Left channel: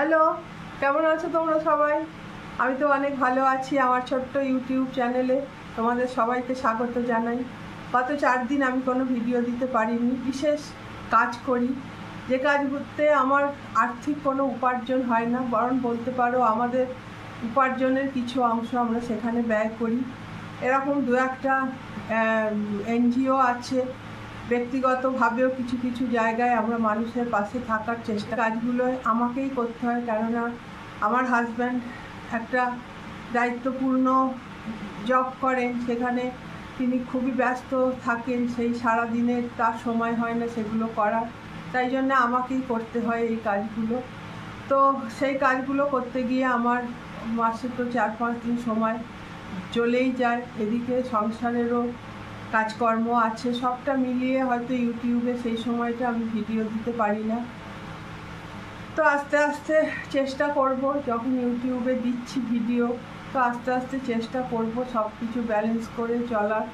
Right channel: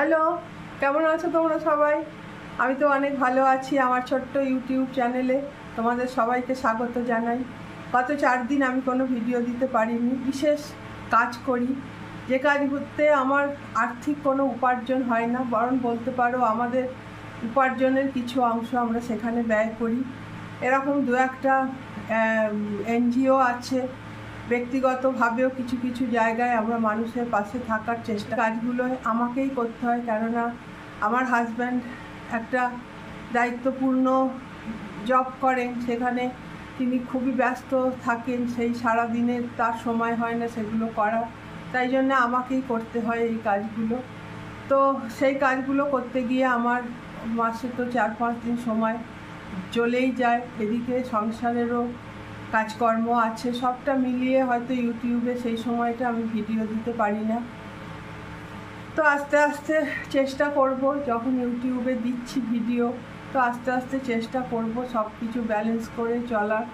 Hello, কেমন আছো তোমরা সবাই? আমি তো অনেক ভালো আছি। আমার ছোট্ট ইউটিউব চ্যানেলে তোমাদের সবাইকে স্বাগত জানাই। গত 4 দিন আমি কোনো ভিডিও দিতে পারিনি। বিশেষ কাজ করি, যে কাজ করতে আমার আর্থিক কোনো উপার্জন হয় না, বরং বলতে পারো আমাদের উপার্জনের কিছু অংশ আমরা সেখানে ব্যয় করি। এরকম দু একটা এনজিও আছে, ব্যক্তিগতভাবেও কিছু কিছু জায়গায় আমরা মানুষের পাশে থাকার চেষ্টা। কাজগুলো আমাকেই করতে হয়, কেননা আমার হাজব্যান্ড একটা দায়িত্বপূর্ণ জব করেন, সেখানে তিনি খুবই ব্যস্ত থাকেন, সেই সারা দিনে তার সময় হয় না সেগুলো করার, তাই জন্য আমাকেই করতে হয় এই কাজগুলো। তো সেই কাজগুলো করতে গিয়ে আমার মাসে তো 4-5 দিন সময় চলেই যায়। এদিকে সংসারেরও কাজকর্ম আছে, সবটা মিলিয়ে হয়তো ইউটিউবে সেই সময়টা আমি ভিডিও দিতে পারি না। তো আস্তে আস্তে চেষ্টা করব, যখন ইউটিউবে দিচ্ছি ভিডিও, তো আস্তে আস্তে চেষ্টা করব সব কিছু ব্যালেন্স করে চলার।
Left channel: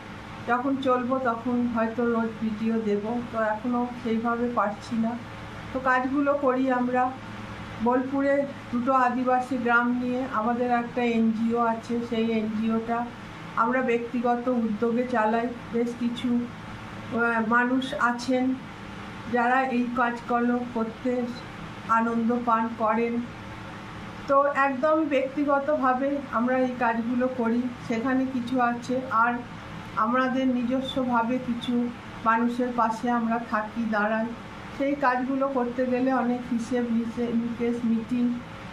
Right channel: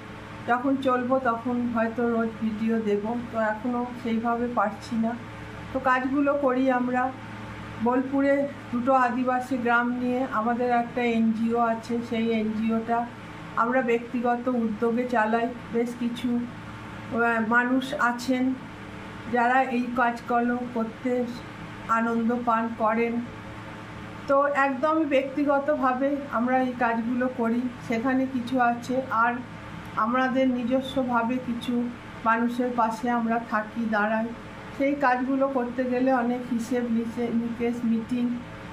যখন চলবো তখন হয়তো রোজ ভিডিও দেব, তো এখনও সেইভাবে পারছি না। তো কাজগুলো করি আমরা বোলপুরে। 2টো আদিবাসী গ্রাম নিয়ে আমাদের একটা এনজিও আছে। সেই এনজিওটা আমরা ব্যক্তিগত উদ্যোগে চালাই। বেশ কিছু মানুষ আছেন যারা এই কাজগুলো করতে আনন্দ পান করেন। তো একদম ব্যক্তিগতভাবে আমরা এই কাজগুলো করি। সেখানে কিছু আছে, আর আমাদের নিজস্বভাবে কিছু মানুষের পাশে আমরা থাকি, দাঁড়াই। সেই কাজগুলো করতে গেলে অনেক হিসেব নিকেশ, মিটিং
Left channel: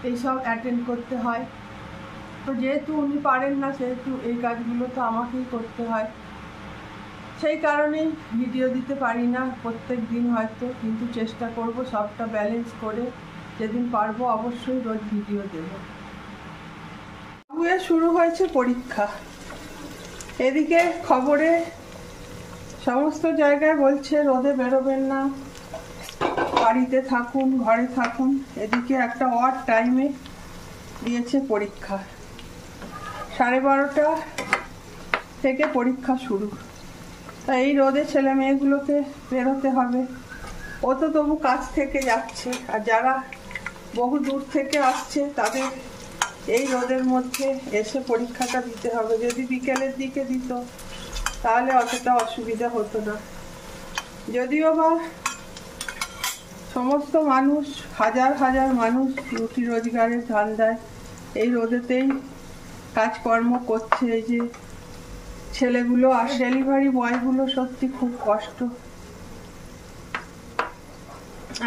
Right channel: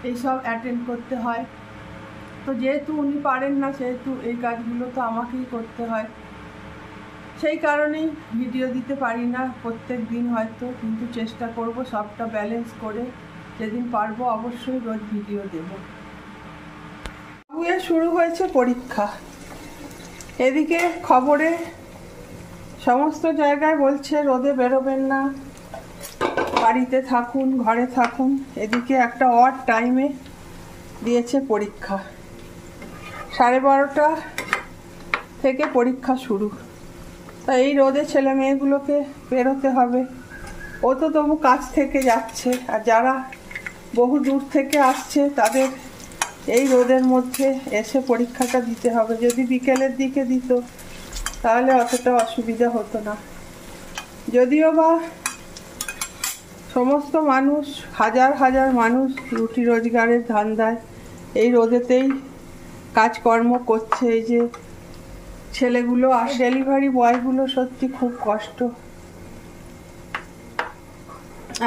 এইসব অ্যাটেন্ড করতে হয়। তো যেহেতু উনি পারেন না, সেহেতু এই কাজগুলো তো আমাকেই করতে হয়। সেই কারণেই ভিডিও দিতে পারি না প্রত্যেক দিন হয়তো, কিন্তু চেষ্টা করব সবটা ব্যালেন্স করে যেদিন পারবো অবশ্যই রোজ ভিডিও দেব। বাবুয়ের শুরু হয়েছে পরীক্ষা। এদিকে খবরে সমস্ত জায়গায় বলছে রোদে বেরোবেন না, বাড়িতে থাকুন, ঘরে থাকুন। এদিকে একটা অড টাইমে দিয়েছে পরীক্ষা, 12:30 থেকে পরীক্ষা শুরু। তা এই রোদে ছেলে মেয়েগুলোকে বেরোতে হবে। ও তো তবু কাছ থেকে যাচ্ছে, আর যারা বহু দূর থেকে আসছে তাদের এই রোদের মধ্যে এসে পরীক্ষাটা দিতে হবে। যদি বিকেলের দিকে দিত তাহলে অতটা অসুবিধা হতো না। যদিও বা সমস্ত মানুষ, হাজার হাজার মানুষ রুটি রোজগারের ধান্দায় এই রোদেতেই কাজকর্ম করছে। এই যে ছেলেগুলো আর ডেলিভারি বয়গুলো, সত্যি খুব কষ্ট।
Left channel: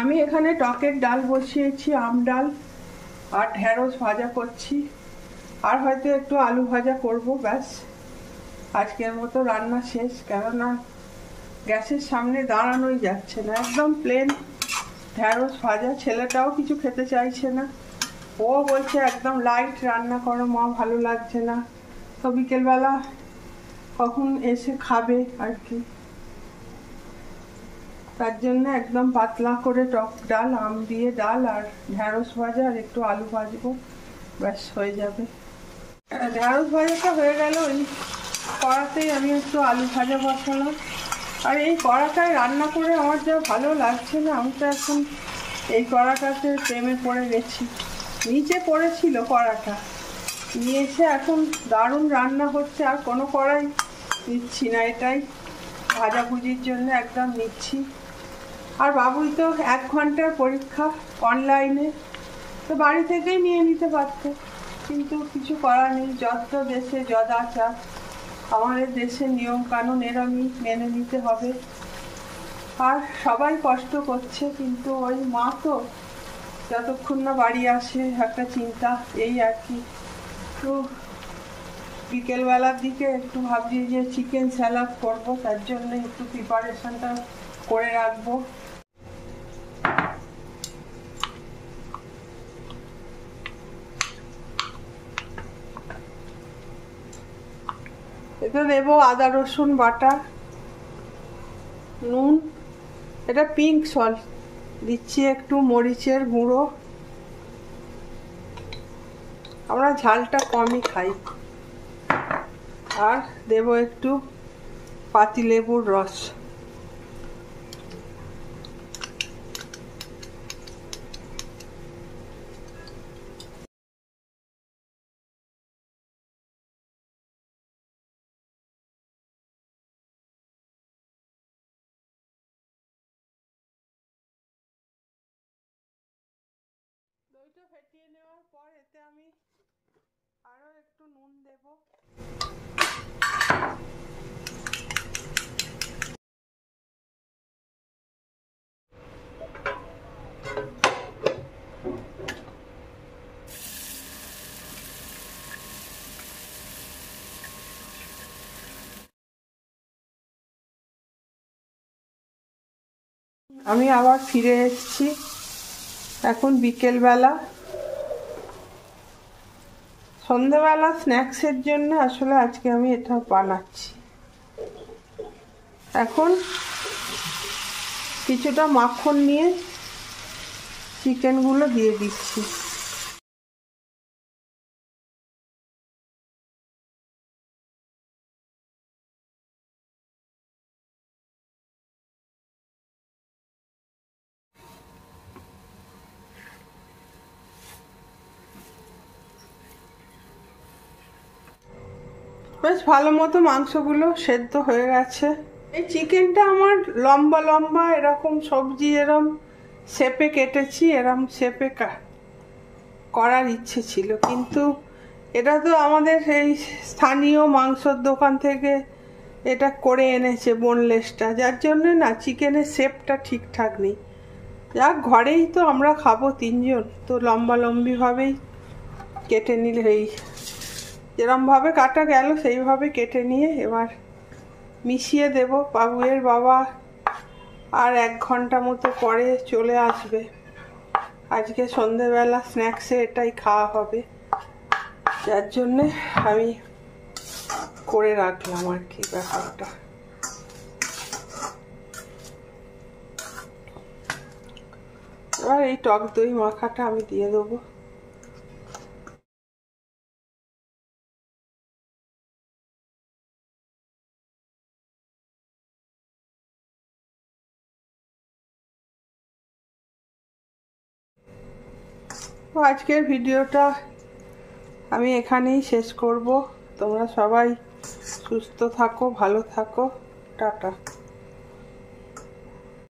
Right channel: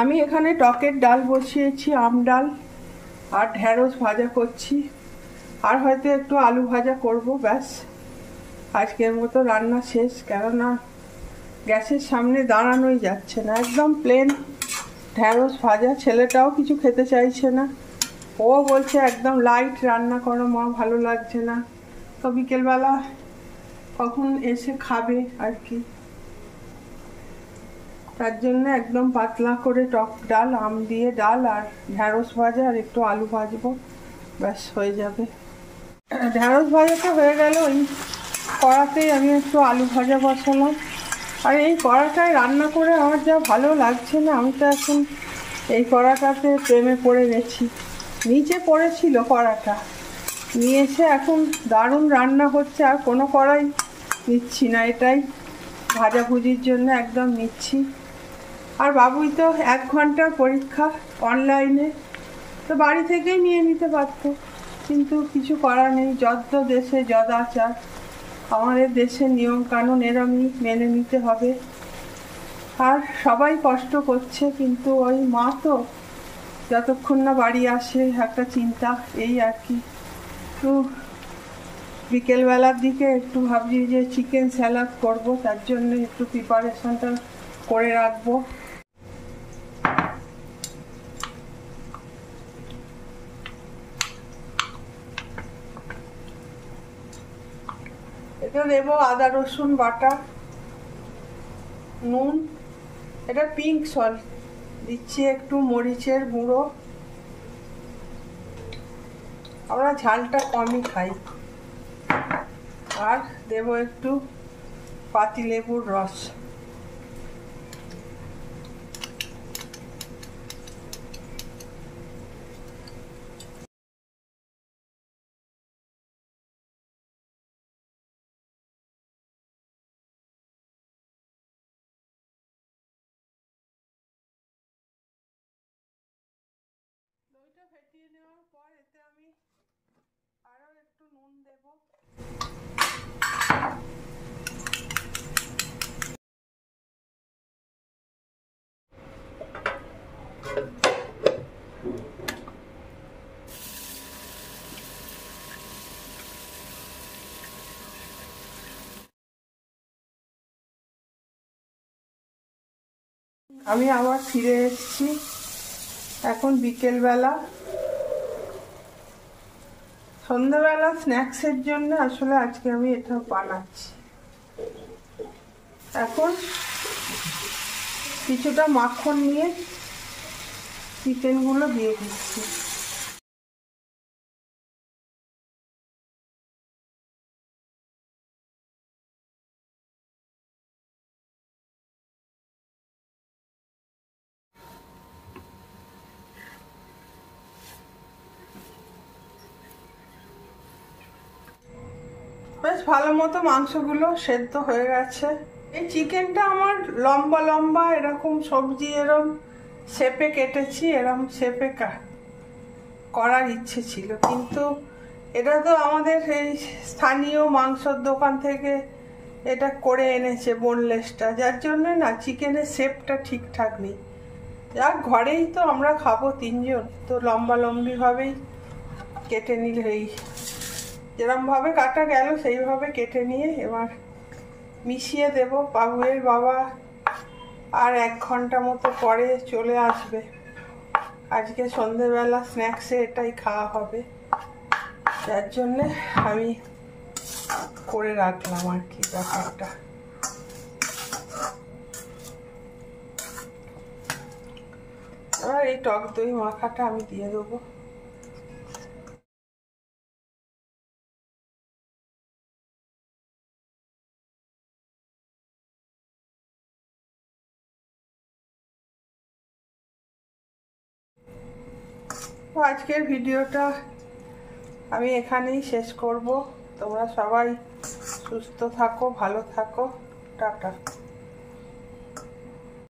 আমি এখানে টকের ডাল বসিয়েছি, আম ডাল, আর ঢেঁড়স ভাজা করছি, আর হয়তো একটু আলু ভাজা করব, ব্যাস আজকের মতো রান্না শেষ। কেননা গ্যাসের সামনে দাঁড়ানোই যাচ্ছে না, একদম প্লেন ঢেঁড়স ভাজা। ছেলেটাও কিছু খেতে চাইছে না, ও বলছে একদম লাইট রান্না করো মা, ভালো লাগছে না। তো বিকেলবেলা কখন এসে খাবে আর কি, তার জন্য একদম পাতলা করে টক ডাল, আম দিয়ে ডাল, আর ঢেঁড়স ভাজা, আর একটু আলু ভাজবো, ব্যাস হয়ে যাবে। ঢেঁড়স ভাজাটা হয়ে গেল, ওই কড়াতেই আমি একটু আলু ভাজা বসালাম। আর এই কড়াটায় রান্না করে আমার যা ভালো লাগছে না, আমি তো এখন এই কড়াটাতে প্রেমে পড়ে গেছি। নিচে পড়েছিল কড়াটা, নিয়ে এসে এখন দারুণ রান্না হচ্ছে, আর কোনো কড়াই নিচ্ছি না, এটাই ভাজাভুজির জন্য একদম নিচ্ছি। আর বাবুই তো 1 ঘন্টার পরীক্ষা অনলাইনে, তো বাড়ি থেকেই নিয়ে নিতে পারত, কিন্তু কিছু করার নেই। যত দেশে যদাচার, আমাদের দেশের নিয়ম কানুন এরমই মেনে নিতে হবে। আর সবাই কষ্ট করছে, কিন্তু ওই মা তো যতক্ষণ না বাড়ি আসে একটা চিন্তা, এই আর কি। তো বিকেলবেলার দিকে একটু ভাবছি যে চিকেন স্যালাড করবো, তার জন্য একটু প্রিপারেশনটা করে রাখবো। এতে দেবো আদা রসুন বাটা, নুন, এটা পিঙ্ক সল্ট দিচ্ছি, একটু মরিচের গুঁড়ো, আমরা ঝালটা কমই খাই, আর দেবো একটু পাতিলেবুর রস। আমি আবার ফিরে এসেছি। এখন বিকেলবেলা, সন্ধ্যাবেলা স্ন্যাক্সের জন্য আসলে আজকে আমি এটা বানাচ্ছি। এখন কিছুটা মাখন নিয়ে চিকেনগুলো দিয়ে দিচ্ছি। বেশ ভালো মতো মাংসগুলো সেদ্ধ হয়ে গেছে। এই চিকেনটা আমার লম্বা লম্বা এরকম সবজি এরকম শেপে কেটেছি, এরকম শেপে করার ইচ্ছে ছিল, কিন্তু এটা তো আমাদের এই স্থানীয় মাংসর দোকান থেকে এটা করে এনেছে বোনলেসটা, যার জন্য না চিকেনের শেপটা ঠিকঠাক নেই। যাক, ঘরেই তো আমরা খাবো 3 জন, তো লম্বা লম্বিভাবেই কেটে নিলে, এই যেরমভাবে কাটা গেল সেইভাবে কেটে নিয়ে এবার মিশিয়ে দেব। বাবুয়ের বাবা আর 1 ঘন্টা মতো পরে চলে আসবে। আজকে সন্ধেবেলা স্ন্যাক্সে এটাই খাওয়া হবে, যার জন্যে আমি করে রাখলাম আর কি ব্যাপারটা। এবার এই টক দই মাখাটা আমি দিয়ে দেবো। আজকের ভিডিওটা আমি এখানেই শেষ করব। তোমরা সবাই সুস্থ থাকো, ভালো থাকো, টাটা।